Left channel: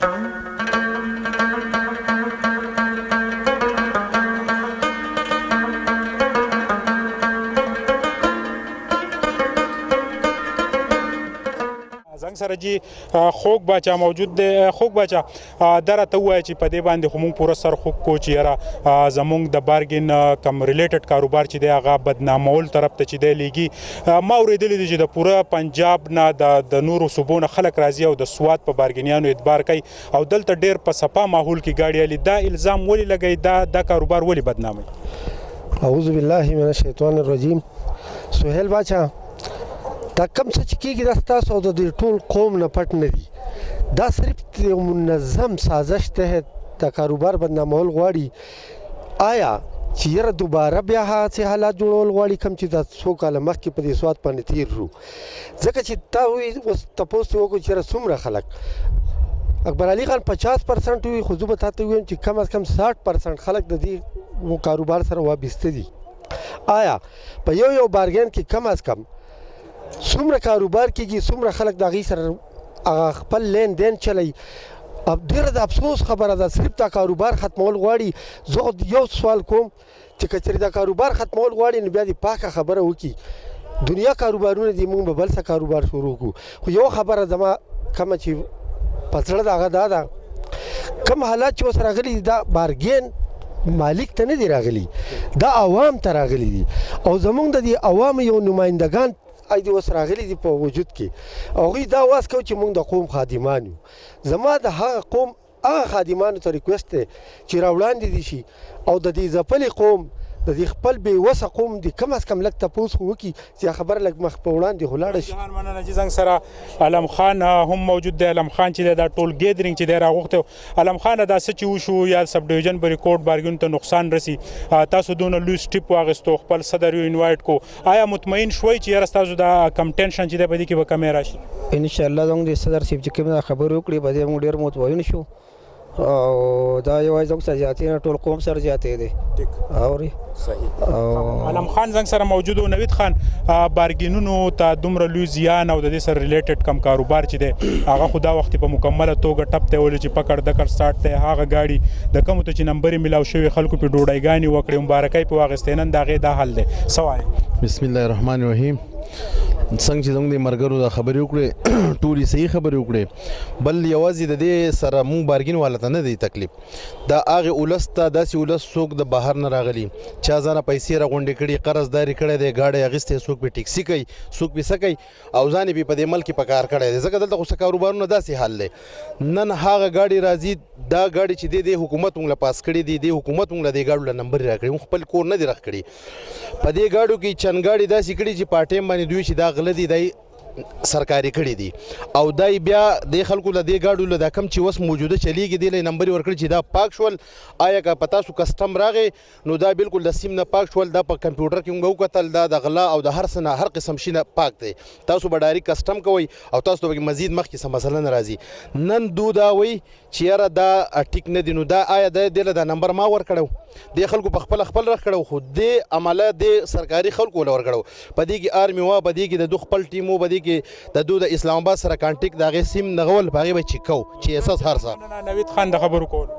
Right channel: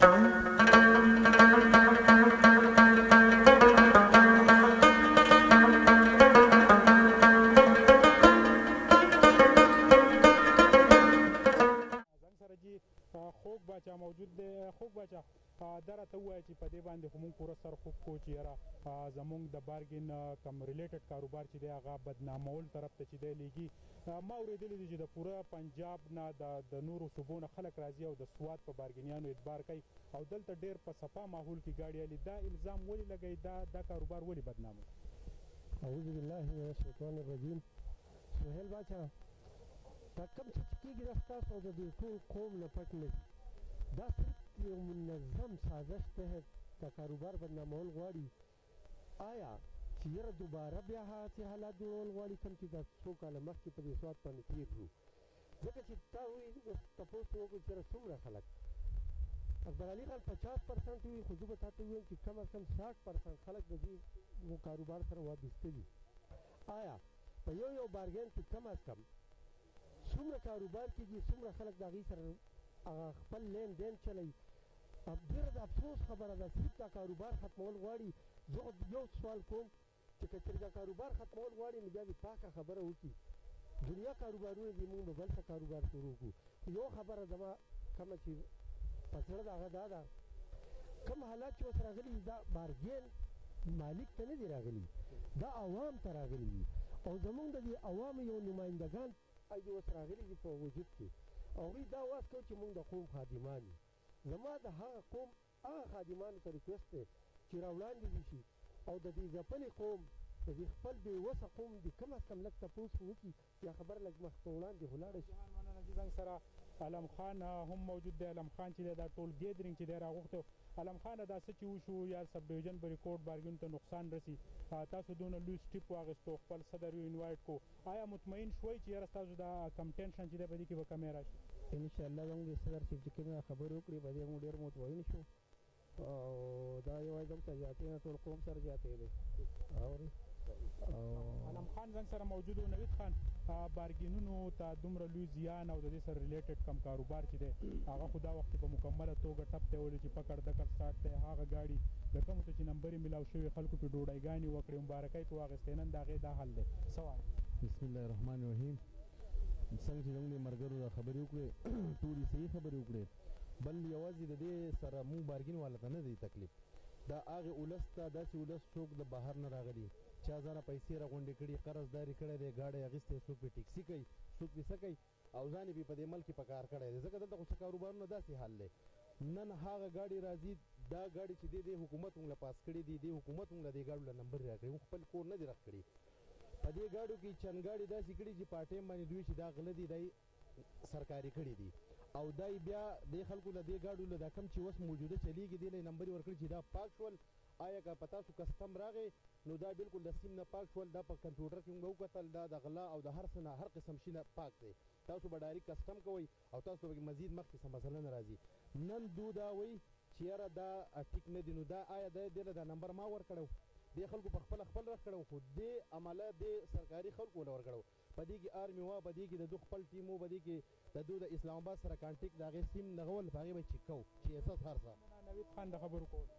زنګ سره جی خوږ باچا موجود دی. خوږ باچا دا راته ووایه چې په دې باندې خو موږ پوره سر خوږ کو چې یاره زموږ د بارګین کم ریلیټډ کاروبار چې دی هغه بدنامول طرف ته چې دی لیږي. ما اورېدلی دی چې د پوره پنجاب نه د نورو صوبو نه خلک راځي او د سوات په بارګینیانو اعتبار کوي او دلته ډېر په صفا ماحول کې ګاډي الي. دا الزام ولې لګوي؟ دا کاروبار ولې بدناموي؟ اعوذ بالله من الشیطان الرجیم. سهیل باچا دا کم څه چې کېږي دا ستاسو او د دې ټول قوم نه پټ نه دي. دا صرف یو منظم سازش تحت د کاروبار بدنامول غواړي. آیا چې یاره دوباره بیا هغسې حالات جوړول غواړي کوم چې دا څو کاله مخکې په دې سوات باندې تېر شو؟ ځکه چې تا وایي اوس تپوس ترې وکړو چې یاره څومره خلک اکبر علي خان 50% وي، خو زه به تا ته ووایم چې کم از کم 60% خلک د دې کاروبار سره وابسته دي. آیا په یو بارګین کې کم از کم څومره کاروبار کېږي، څومره خلک د هغې سره خپل لین دین چلی؟ ډېره د افسوس خبره ده. صرف دا کاروبار ختمول غواړي. زه خو یو سوال کوم چې که چېرې دا کاروبار ختمول غواړي نو بیا دې پاکه خبره وکړي. دنیا کاروبارونه دي، موږ به بل څه کاروبار شروع کړو. خو یو خبره زما کومه چې په زړه د هغه دا ده، کوم حالات چې اوس راغلي دي دا بارګین مالک ته نه دي راغلي، دا عوام ته راغلي دي. او زموږ د دې عوامو یو نمایندګان ای دې اوس راغلي دي په وجود کې. هغوی دا واز کوي چې موږ د قوم خادمان یو. زما د هغه قوم هغه خادمانو ته ریکویسټ دی چې راوړاندې دي شي او د دې ځپلې قوم د دې خپل بېوسه قوم د کم از کم لږ تپوس خو وکړي چې خبره لږ مخ په وړاندې خو لاړه شي. مننه جي. زنګ سره علم خان هم موجود دی. علم خان چې دی دا ټول ګیدرینګ چې دی راغوښتی. علم خان دا څه چې وشو یا سب ډویژن بریکوټ بارګینو ته نقصان رسي، تاسو دونه لوی سټیپ واخیستو، خپل صدر یو انوایټ کو، آیا مطمئن شوئ چې یاره ستاسو دا کم ټینشن چې دی په دې کې به کمی راشي؟ انشاءالله زموږ د صدر صاحب چې کوم خبرې وکړې په دې موږ ډېر مطمئن شو او دا یوازې زموږ سره زیاتې نه ټول قوم سره زیاتې دی. اورې صحیح. علم خان زنګ سره موجود و. نوید خان، بارګینونو ته دومره لوی زیان او د دې سره ریلیټډ کم کاروبار چې دی هغه خو دا وخت په مکمله توګه ټپ ته ولې چې پکړ دکړ سټارټ دی هغه ګاډي د کومو ته چې نمبرې میلاو شوي خلکو په ډوډۍ وکړې مبارکۍ په واغستې نن د هغې دا حل دی. څه وایې؟ بسم الله الرحمن الرحیم. څنګه چې زموږ د ملګرو دا خبرې وکړې ټولې صحیح خبرې وکړې، بل یوازې د دې سره مونږ بارګین والا ته نه دی تکلیف، دا هغې اولس ته داسې اولس څوک د بهر نه راغلي چا ځانه پیسې راغونډې کړي، قرضداري کړی دی، ګاډی اخیستی، څوک پې ټیکسي کوي، څوک پې څه کوي او ځان یې په دې ملک کې په کار کړی دی. ځکه دلته خو څه کاروبارونه داسې حال دی. نن هغه ګاډي راځي، دا ګاډي چې دی حکومت مونږ له پاس کړي دي، دې حکومت مونږ له دې ګاډو له نمبر راکړي، مونږ خپل کور نه دي رخ کړي. په دې ګاډو کې چند ګاډي داسې کړي چې په ټایم باندې دوی چې دا غله دي دی سرکاري کړي دي او دای بیا د خلکو له دې ګاډو له دا کم چې وس موجوده چلیږي دی له نمبر ورکړي چې دا پاک شول. آیا که پتا سو کسٹم راغی نو دا بالکل د سیم نه پاک شول، دا په کمپیوټر کې موږ وکتل دا د غلا او د هر څه نه هر قسم شي نه پاک دی. تاسو به ډایرک کسٹم کوئ او تاسو به مزید مخکې څه مسله نه راځي. نن دو دا وی چې یاره دا ټیک نه دی نو دا آیا د دې دا نمبر ما ورکړو د خلکو په خپل رخ کړو، خو د عمله د سرکاري خلکو له ورکړو. په دې کې آرمي وا، په دې کې د دو خپل ټیمو، په دې کې د دو د اسلام آباد سره کانټیکټ د هغې سیم نغول په هغې به چیک کوو چې اساس هر څه. نوید خان د خبرو کولو